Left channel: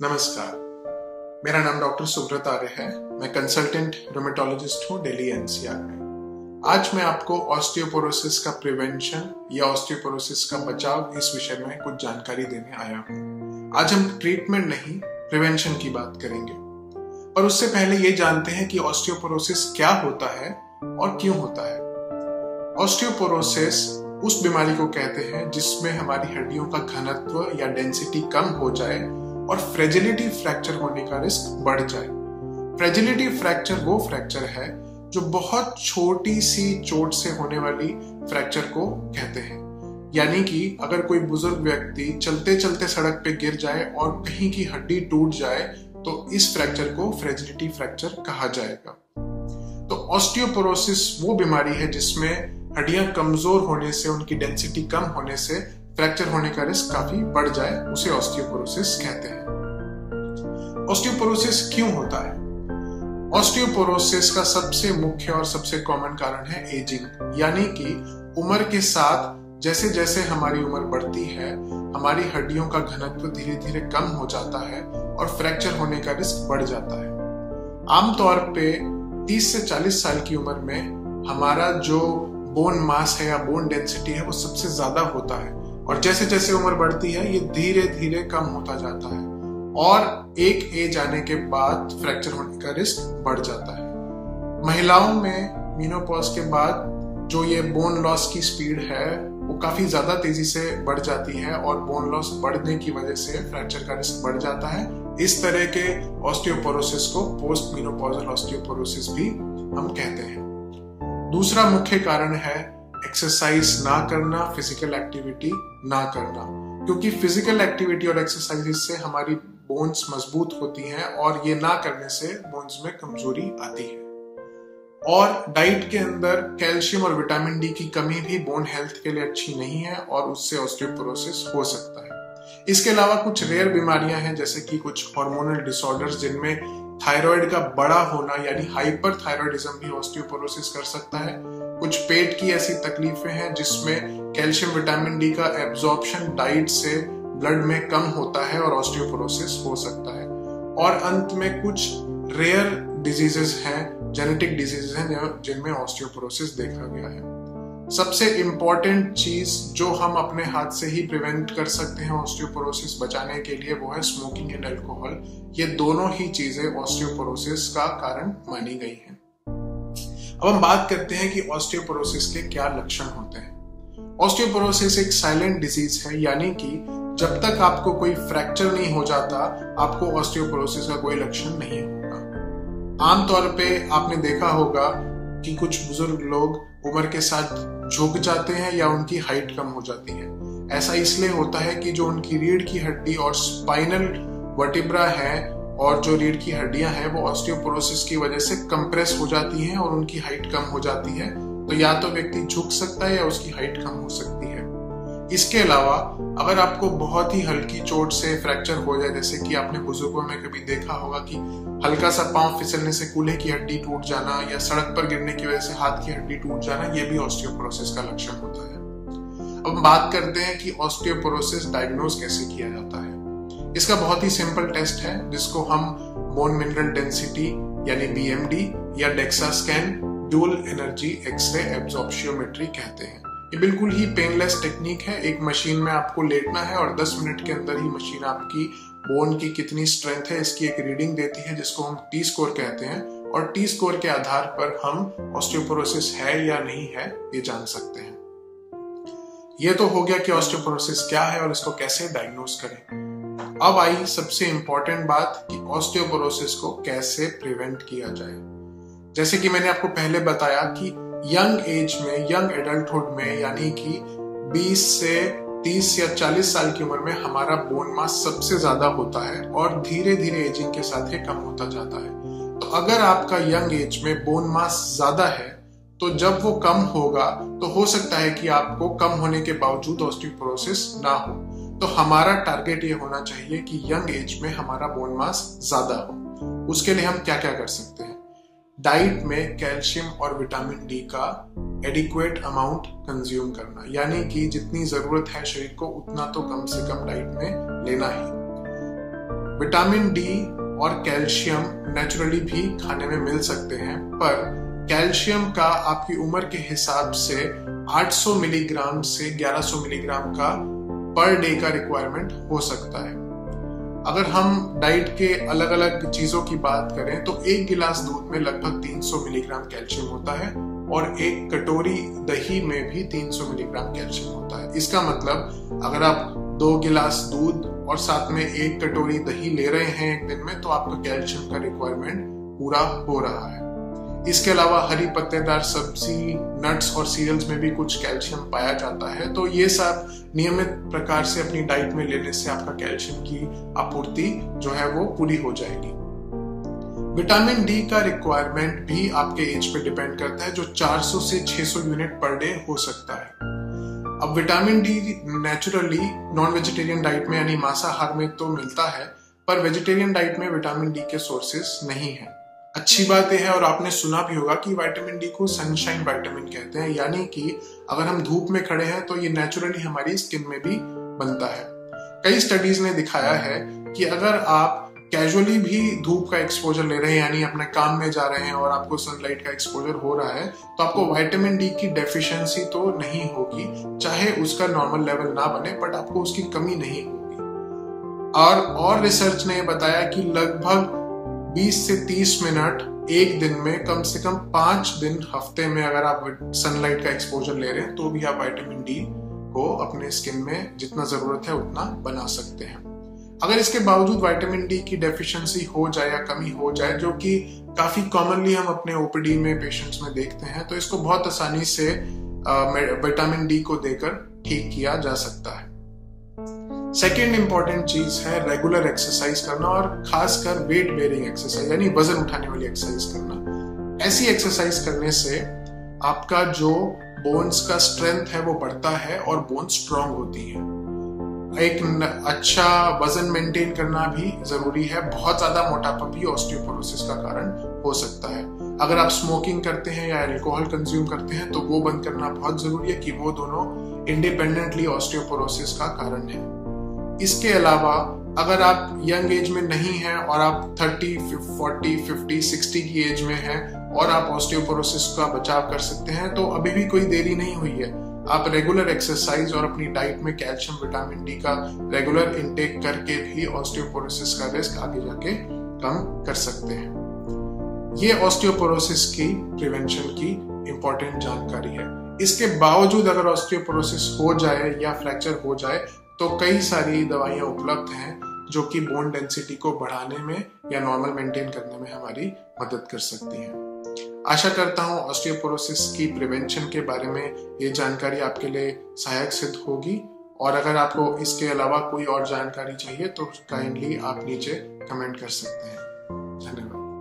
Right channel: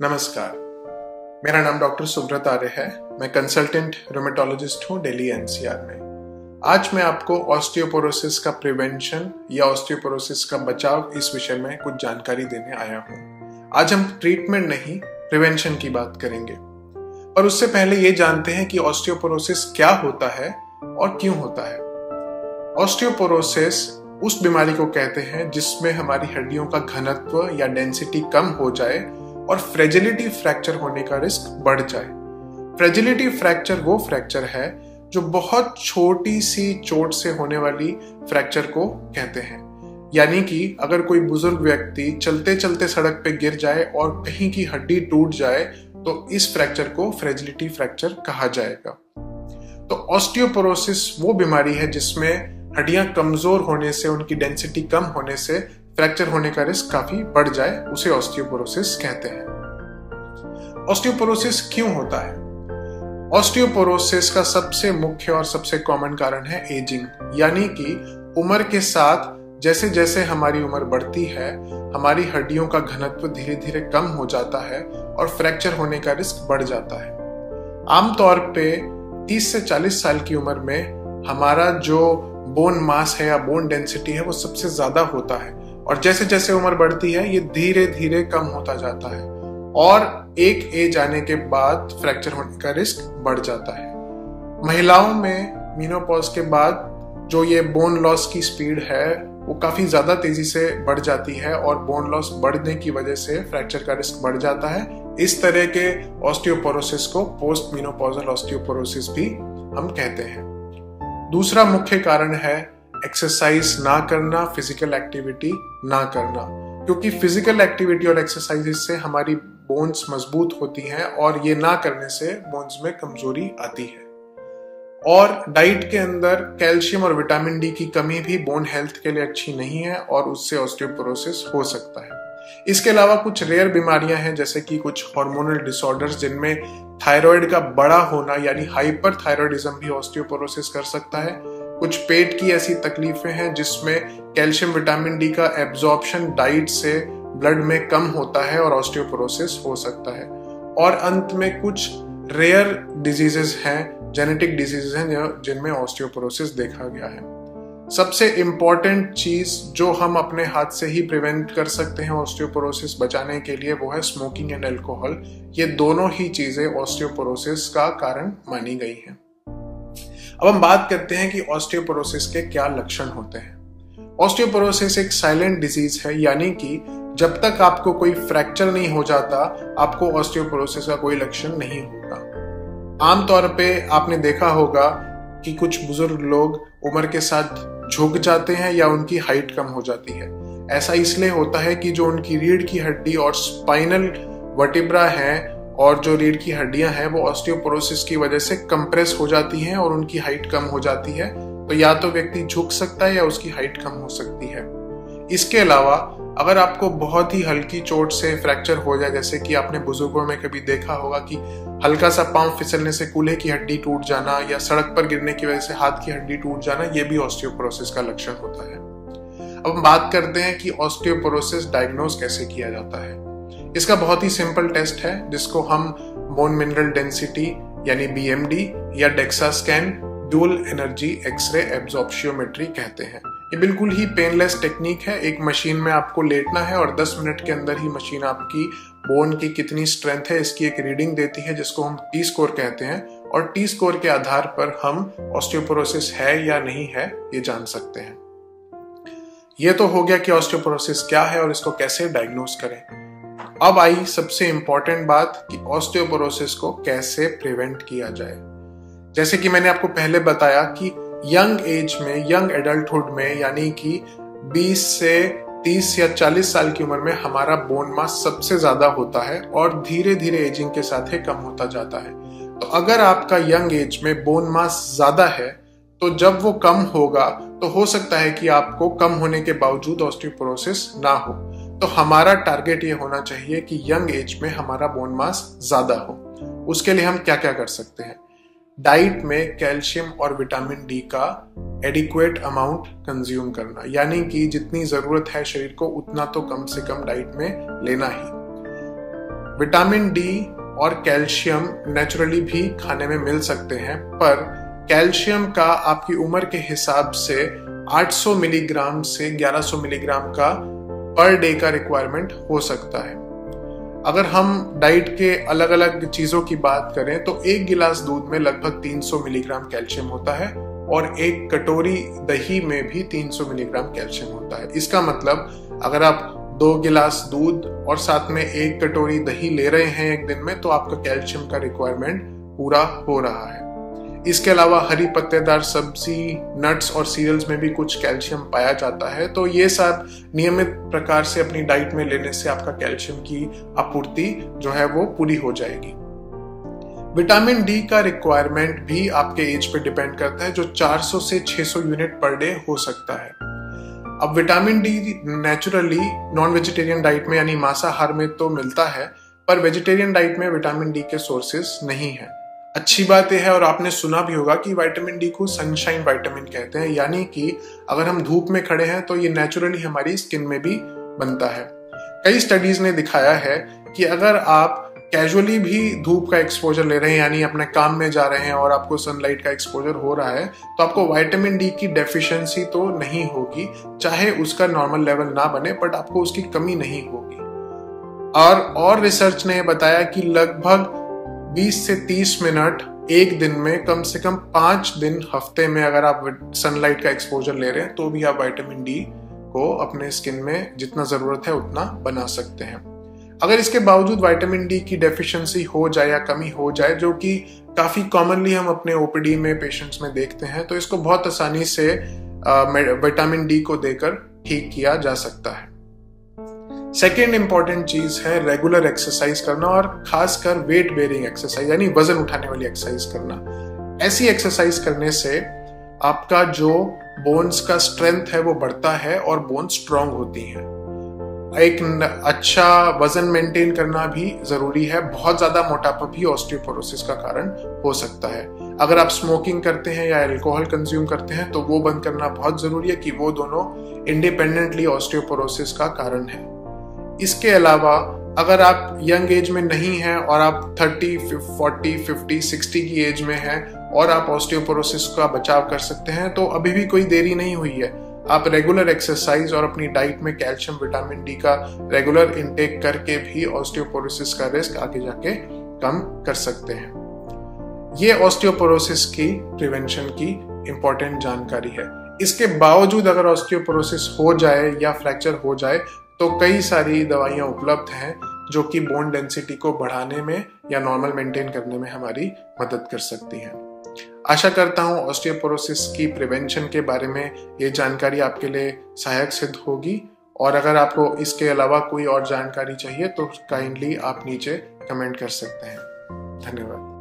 नमस्कार। मेरा नाम डॉक्टर सुब्रत आर्य है। मैं कंसल्टेंट रोमेटोलॉजिस्ट हूँ दिल्ली एनसीआर में। आज मैं आपको ऑस्टियोपोरोसिस का प्रिवेंशन या ऑस्टियोपोरोसिस का बचाव इस विषय में कुछ जानकारी देने आया हूँ। आज हम ट्रीटमेंट नहीं, प्रिवेंशन की बात करेंगे। और उससे पहले ये जानते हैं कि ऑस्टियोपोरोसिस क्या होता है और क्यों होता है। ऑस्टियोपोरोसिस उस बीमारी को कहते हैं जिसमें हमारी हड्डियों का घनत्व या डेंसिटी कम हो जाए और फ्रेजिलिटी फ्रैक्चर होने का रिस्क बढ़ जाए। फ्रेजिलिटी फ्रैक्चर वो फ्रैक्चर है जो बहुत छोटी सी चोट से होने वाली फ्रैक्चर को कहते हैं। यानी कि अगर कोई बुजुर्ग व्यक्ति चलते चलते सड़क पे गिर जाए और कहीं की हड्डी टूट जाए तो इस फ्रैक्चर को फ्रेजिलिटी फ्रैक्चर कहा जाएगा। तो ऑस्टियोपोरोसिस वो बीमारी है जिसमें हड्डियां कमजोर होने से, उनकी डेंसिटी कम होने से फ्रैक्चर होने का रिस्क काफी बढ़ जाए, उसे ऑस्टियोपोरोसिस कहते हैं। ऑस्टियोपोरोसिस क्यों होता है? ऑस्टियोपोरोसिस का सबसे मुख्य और सबसे कॉमन कारण है एजिंग, यानी कि उम्र के साथ जैसे जैसे हमारी उम्र बढ़ती है हमारी हड्डियों का घनत्व धीरे धीरे कम हो जाता है और फ्रैक्चर होने का रिस्क बढ़ जाता है। आमतौर पे 30 से 40 साल की उम्र में हमारा जो बोन मास है या बोन डेंसिटी है वो सबसे ज्यादा होता है और जैसे जैसे उम्र बढ़ती है ये धीरे धीरे कम होता जाता है और एक एज आने के बाद फ्रैक्चर होने का रिस्क बढ़ जाता है। महिलाओं में मेनोपॉज के बाद जो ये बोन लॉस की स्पीड है वो काफी ज्यादा तेजी से बढ़ जाती है और बोन लॉस बढ़ने की वजह से फ्रैक्चर का रिस्क बढ़ जाता है। इस तरह के ऑस्टियोपोरोसिस को पोस्ट मेनोपॉजल ऑस्टियोपोरोसिस भी हम कहते हैं। दूसरा मुख्य कारण है एक्सरसाइज ना करना, फिजिकल एक्टिविटी ना करना, क्योंकि फिजिकल एक्टिविटी और एक्सरसाइज से हमारी बोन्स मजबूत होती हैं और ये ना करने से बोन्स में कमजोरी आती है। और डाइट के अंदर कैल्शियम और विटामिन डी की कमी भी बोन हेल्थ के लिए अच्छी नहीं है और उससे ऑस्टियोपोरोसिस हो सकता है। इसके अलावा कुछ रेयर बीमारियां हैं जैसे कि कुछ हार्मोनल डिसऑर्डर्स जिनमें थायराइड का बड़ा होना यानी हाइपरथायराइडिज्म भी ऑस्टियोपोरोसिस कर सकता है। कुछ पेट की ऐसी तकलीफें हैं जिसमें कैल्शियम विटामिन डी का एब्जॉर्प्शन डाइट से ब्लड में कम होता है और ऑस्टियोपोरोसिस हो सकता है। और अंत में कुछ रेयर डिजीजेस हैं, जेनेटिक डिजीजेस हैं जिनमें ऑस्टियोपोरोसिस देखा गया है। सबसे इंपॉर्टेंट चीज जो हम अपने हाथ से ही प्रिवेंट कर सकते हैं ऑस्टियोपोरोसिस बचाने के लिए वो है स्मोकिंग एंड अल्कोहल। ये दोनों ही चीजें ऑस्टियोपोरोसिस का कारण मानी गई हैं। अब हम बात करते हैं कि ऑस्टियोपोरोसिस के क्या लक्षण होते हैं। ऑस्टियोपोरोसिस एक साइलेंट डिजीज है, यानी कि जब तक आपको कोई फ्रैक्चर नहीं हो जाता आपको ऑस्टियोपोरोसिस का कोई लक्षण नहीं होगा। आमतौर पे आपने देखा होगा कि कुछ बुजुर्ग लोग उम्र के साथ झुक जाते हैं या उनकी हाइट कम हो जाती है। ऐसा इसलिए होता है कि जो उनकी रीढ़ की हड्डी और स्पाइनल वर्टिब्रा है और जो रीढ़ की हड्डियां हैं वो ऑस्टियोपोरोसिस की वजह से कंप्रेस हो जाती हैं और उनकी हाइट कम हो जाती है। तो या तो व्यक्ति झुक सकता है या उसकी हाइट कम हो सकती है। इसके अलावा अगर आपको बहुत ही हल्की चोट से फ्रैक्चर हो जाए, जैसे कि आपने बुजुर्गों में कभी देखा होगा कि हल्का सा पांव फिसलने से कूल्हे की हड्डी टूट जाना या सड़क पर गिरने की वजह से हाथ की हड्डी टूट जाना, ये भी ऑस्टियोपोरोसिस का लक्षण होता है। अब हम बात करते हैं कि ऑस्टियोपोरोसिस डायग्नोज कैसे किया जाता है। इसका बहुत ही सिंपल टेस्ट है जिसको हम बोन मिनरल डेंसिटी यानी बीएमडी या DEXA scan dual energy X-ray absorptiometry कहते हैं। ये बिल्कुल ही पेनलेस टेक्निक है। एक मशीन में आपको लेटना है और 10 मिनट के अंदर ही मशीन आपकी बोन की कितनी स्ट्रेंथ है इसकी एक रीडिंग देती है जिसको हम टी स्कोर कहते हैं और टी स्कोर के आधार पर हम ऑस्टियोपोरोसिस है या नहीं है ये जान सकते हैं। ये तो हो गया कि ऑस्टियोपोरोसिस क्या है और इसको कैसे डायग्नोज करें। अब आई सबसे इंपॉर्टेंट बात कि ऑस्टियोपोरोसिस को कैसे प्रिवेंट किया जाए। जैसे कि मैंने आपको पहले बताया कि यंग एज में, यंग एडल्टहुड में, यानी कि 20 से 30 या 40 साल की उम्र में हमारा बोन मास सबसे ज्यादा होता है और धीरे धीरे एजिंग के साथ ही कम होता जाता है। तो अगर आपका यंग एज में बोन मास ज्यादा है तो जब वो कम होगा तो हो सकता है कि आपको कम होने के बावजूद ऑस्टियोपोरोसिस ना हो। तो हमारा टारगेट ये होना चाहिए कि यंग एज में हमारा बोन मास ज्यादा हो। उसके लिए हम क्या क्या कर सकते हैं? डाइट में कैल्शियम और विटामिन डी का एडिक्वेट अमाउंट कंज्यूम करना, यानी कि जितनी जरूरत है शरीर को उतना तो कम से कम डाइट में लेना ही। विटामिन डी और कैल्शियम नेचुरली भी खाने में मिल सकते हैं, पर कैल्शियम का आपकी उम्र के हिसाब से 800 मिलीग्राम से 1100 मिलीग्राम का पर डे का रिक्वायरमेंट हो सकता है। अगर हम डाइट के अलग अलग चीजों की बात करें तो एक गिलास दूध में लगभग 300 मिलीग्राम कैल्शियम होता है और एक कटोरी दही में भी 300 मिलीग्राम कैल्शियम होता है। इसका मतलब अगर आप 2 गिलास दूध और साथ में 1 कटोरी दही ले रहे हैं एक दिन में, तो आपका कैल्शियम का रिक्वायरमेंट पूरा हो रहा है। इसके अलावा हरी पत्तेदार सब्जी, नट्स और सीरियल्स में भी कुछ कैल्शियम पाया जाता है, तो ये सब नियमित प्रकार से अपनी डाइट में लेने से आपका कैल्शियम की आपूर्ति जो है वो पूरी हो जाएगी। विटामिन डी का रिक्वायरमेंट भी आपके एज पे डिपेंड करता है, जो 400 से 600 यूनिट पर डे हो सकता है। अब vitamin D naturally non vegetarian diet में यानी मांसाहार में तो मिलता है, पर वेजिटेरियन डाइट में विटामिन डी के सोर्सेस नहीं है। अच्छी बात यह है, और आपने सुना भी होगा कि विटामिन डी को सनशाइन विटामिन कहते हैं, यानी कि अगर हम धूप में खड़े हैं तो ये नेचुरली हमारी स्किन में भी बनता है। कई स्टडीज ने दिखाया है कि अगर आप कैजुअली भी धूप का एक्सपोजर ले रहे हैं, यानी अपने काम में जा रहे हैं और आपको सनलाइट का एक्सपोजर हो रहा है, तो आपको विटामिन डी की डेफिशिएंसी तो नहीं होगी, चाहे उसका नॉर्मल लेवल ना बने, बट आपको उसकी कमी नहीं होगी। और रिसर्च ने बताया कि लगभग 20 से 30 मिनट एक दिन में कम से कम 5 दिन हफ्ते में अगर आप सनलाइट का एक्सपोजर ले रहे हैं तो भी आप विटामिन डी को अपने स्किन में जितना जरूरत है उतना बना सकते हैं। अगर इसके बावजूद विटामिन डी की डेफिशिएंसी हो जाए या कमी हो जाए, जो कि काफी कॉमनली हम अपने ओपीडी में पेशेंट्स में देखते हैं, तो इसको बहुत आसानी से विटामिन डी को देकर ठीक किया जा सकता है। सेकेंड इंपॉर्टेंट चीज है रेगुलर एक्सरसाइज करना, और खासकर वेट बेयरिंग एक्सरसाइज यानी वजन उठाने वाली एक्सरसाइज करना। ऐसी एक्सरसाइज करने से आपका जो बोन्स का स्ट्रेंथ है वो बढ़ता है और बोन्स स्ट्रांग होती हैं। एक अच्छा वजन मेंटेन करना भी जरूरी है। बहुत ज्यादा मोटापा भी ऑस्टियोपोरोसिस का कारण हो सकता है। अगर आप स्मोकिंग करते हैं या अल्कोहल कंज्यूम करते हैं तो वो बंद करना बहुत जरूरी है, कि वो दोनों इंडिपेंडेंटली ऑस्टियोपोरोसिस का कारण है। इसके अलावा अगर आप यंग एज में नहीं हैं और आप 30, 40, 50, 60 की एज में हैं और आप ऑस्टियोपोरोसिस का बचाव कर सकते हैं, तो अभी भी कोई देरी नहीं हुई है। आप रेगुलर एक्सरसाइज और अपनी डाइट में कैल्शियम, विटामिन डी का रेगुलर इंटेक करके भी ऑस्टियोपोरोसिस का रिस्क आगे जाके कम कर सकते हैं। ये ऑस्टियोपोरोसिस की प्रिवेंशन की इंपॉर्टेंट जानकारी है। इसके बावजूद अगर ऑस्टियोपोरोसिस हो जाए या फ्रैक्चर हो जाए तो कई सारी दवाइयां उपलब्ध हैं जो कि बोन डेंसिटी को बढ़ाने में या नॉर्मल मेंटेन करने में हमारी मदद कर सकती हैं। आशा करता हूं ऑस्टियोपोरोसिस की प्रिवेंशन के बारे में ये जानकारी आपके लिए सहायक सिद्ध होगी, और अगर आपको इसके अलावा कोई और जानकारी चाहिए तो काइंडली आप नीचे कमेंट कर सकते हैं। धन्यवाद।